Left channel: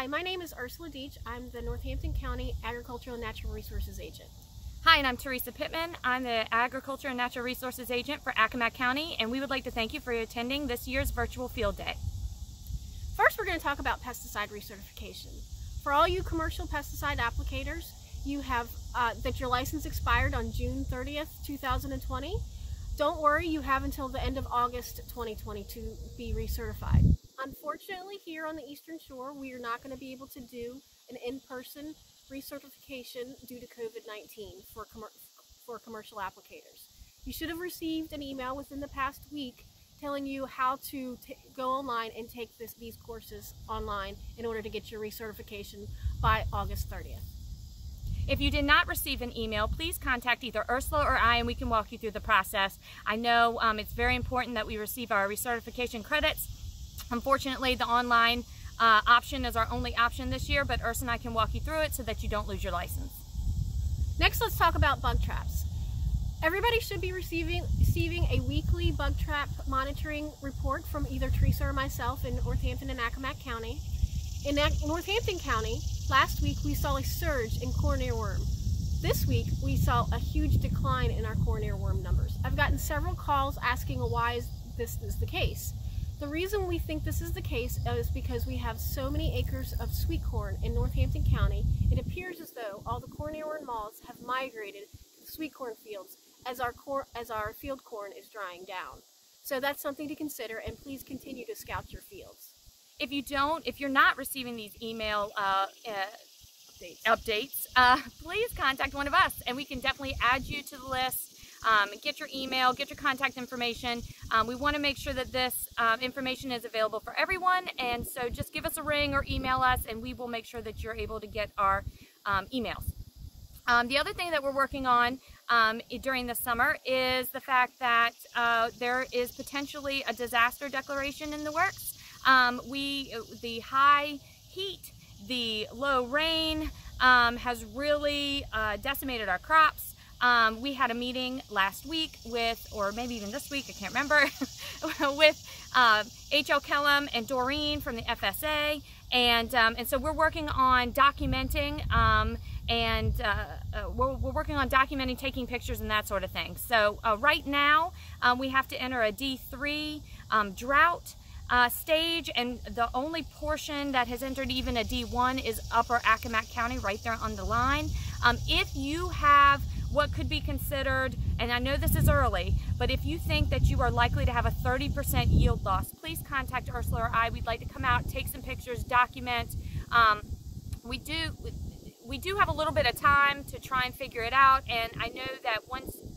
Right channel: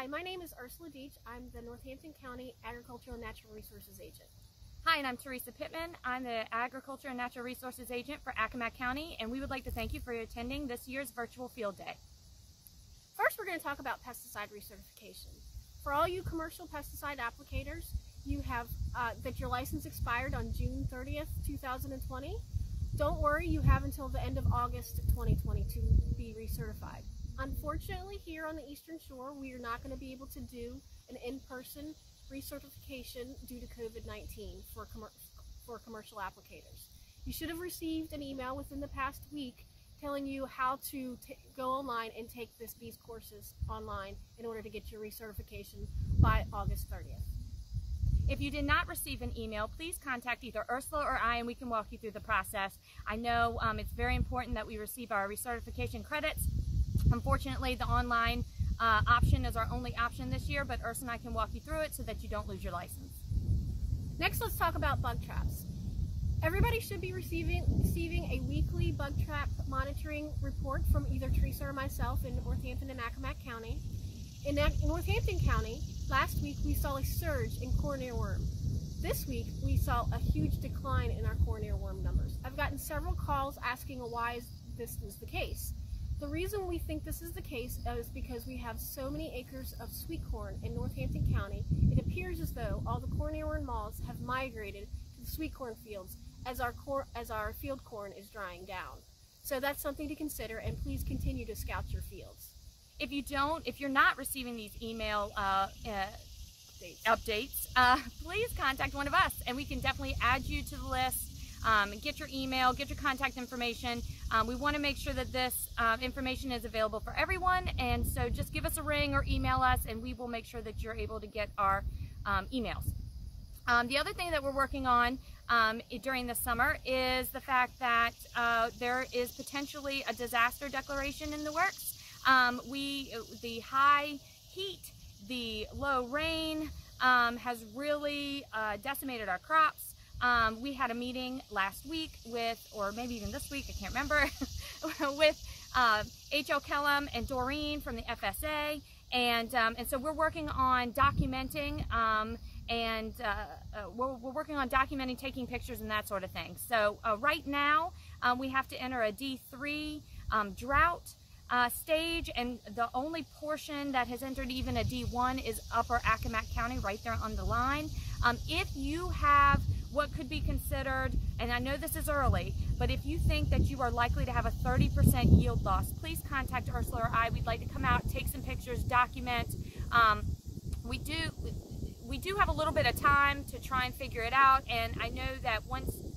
Hi, my name is Ursula Deach. I'm the Northampton County Agricultural and Natural Resources Agent. Hi, and I'm Teresa Pittman. I'm the Agriculture and Natural Resources Agent for Accomack County, and we would like to thank you for attending this year's virtual field day. First, we're going to talk about pesticide recertification. For all you commercial pesticide applicators, you have that your license expired on June 30th, 2020. Don't worry, you have until the end of August 2020 to be recertified. Unfortunately, here on the Eastern Shore, we are not going to be able to do an in-person recertification due to COVID-19 for commercial applicators. You should have received an email within the past week telling you how to go online and take these courses online in order to get your recertification by August 30th. If you did not receive an email, please contact either Ursula or I and we can walk you through the process. I know it's very important that we receive our recertification credits. Unfortunately, the online option is our only option this year, but Ursula and I can walk you through it so that you don't lose your license. Next, let's talk about bug traps. Everybody should be receiving a weekly bug trap monitoring report from either Teresa or myself in Northampton and Accomack County. In Northampton County, last week we saw a surge in corn earworm. This week we saw a huge decline in our corn earworm numbers. I've gotten several calls asking why this is the case. The reason we think this is the case is because we have so many acres of sweet corn in Northampton County. It appears as though all the corn earworm moths have migrated to the sweet corn fields as our field corn is drying down. So that's something to consider, and please continue to scout your fields. If you're not receiving these email updates, please contact one of us and we can definitely add you to the list. Get your email, get your contact information. We want to make sure that this information is available for everyone, and so just give us a ring or email us and we will make sure that you're able to get our emails. The other thing that we're working on during the summer is the fact that there is potentially a disaster declaration in the works. The high heat, the low rain has really decimated our crops. We had a meeting last week or maybe even this week, I can't remember, with H.L. Kellum and Doreen from the FSA, and so we're working on documenting we're working on documenting, taking pictures and that sort of thing. So right now we have to enter a D3 drought stage, and the only portion that has entered even a D1 is Upper Accomack County, right there on the line. If you have what could be considered, and I know this is early, but if you think that you are likely to have a 30% yield loss, please contact Ursula or I. We'd like to come out, take some pictures, document. We do have a little bit of time to try and figure it out, and I know that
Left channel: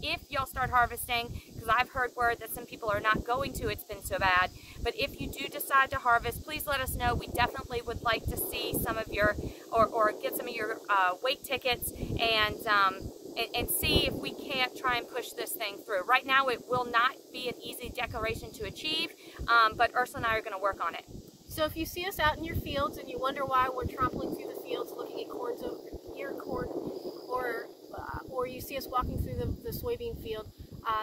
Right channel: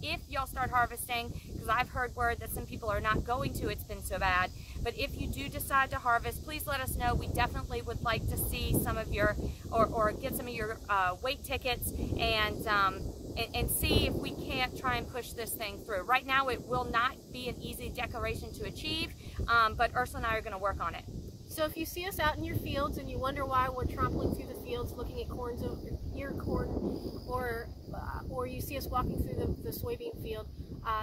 if y'all start harvesting, because I've heard word that some people are not going to, it's been so bad, but if you do decide to harvest, please let us know. We definitely would like to see some of your, or get some of your weight tickets and see if we can't try and push this thing through. Right now it will not be an easy declaration to achieve, but Ursula and I are going to work on it. So if you see us out in your fields and you wonder why we're trampling through the fields looking at ear corn, or you see us walking through the soybean field,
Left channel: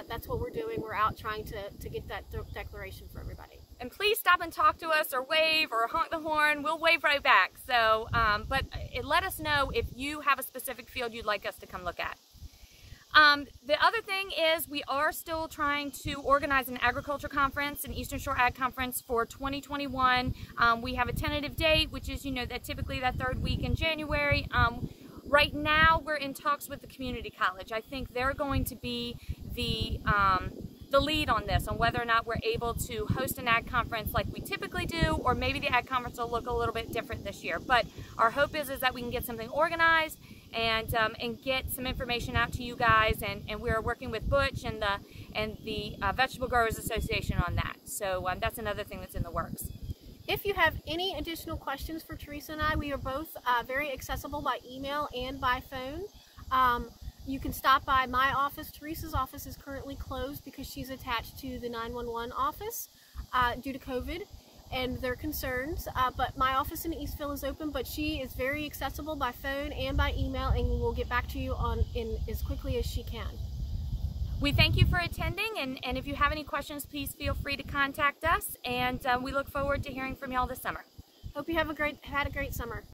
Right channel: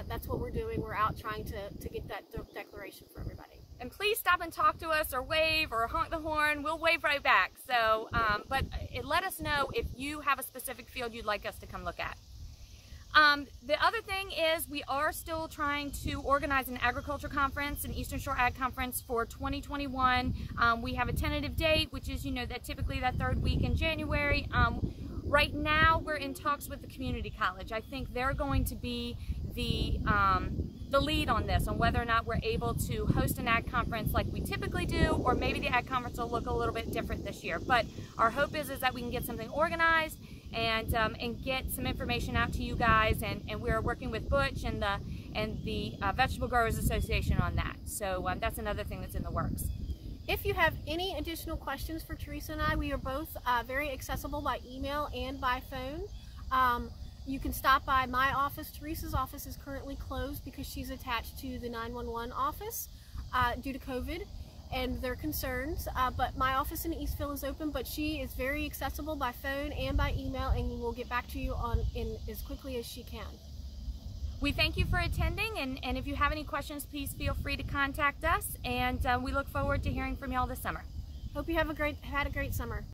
that's what we're doing. We're out trying to get that declaration for everybody. And please stop and talk to us or wave or honk the horn. We'll wave right back. So, but let us know if you have a specific field you'd like us to come look at. The other thing is we are still trying to organize an agriculture conference, an Eastern Shore Ag Conference for 2021. We have a tentative date, which is, that typically that third week in January. Right now we're in talks with the community college. I think they're going to be the lead on this, on whether or not we're able to host an ag conference like we typically do, or maybe the ag conference will look a little bit different this year. But our hope is that we can get something organized and get some information out to you guys, and we're working with Butch and the Vegetable Growers Association on that. So that's another thing that's in the works. If you have any additional questions for Teresa and I, we are both very accessible by email and by phone. You can stop by my office. Teresa's office is currently closed because she's attached to the 911 office due to COVID and their concerns, but my office in Eastville is open, but she is very accessible by phone and by email, and we'll get back to you in as quickly as she can. We thank you for attending, and if you have any questions, please feel free to contact us, and we look forward to hearing from y'all this summer. Hope you had a great summer.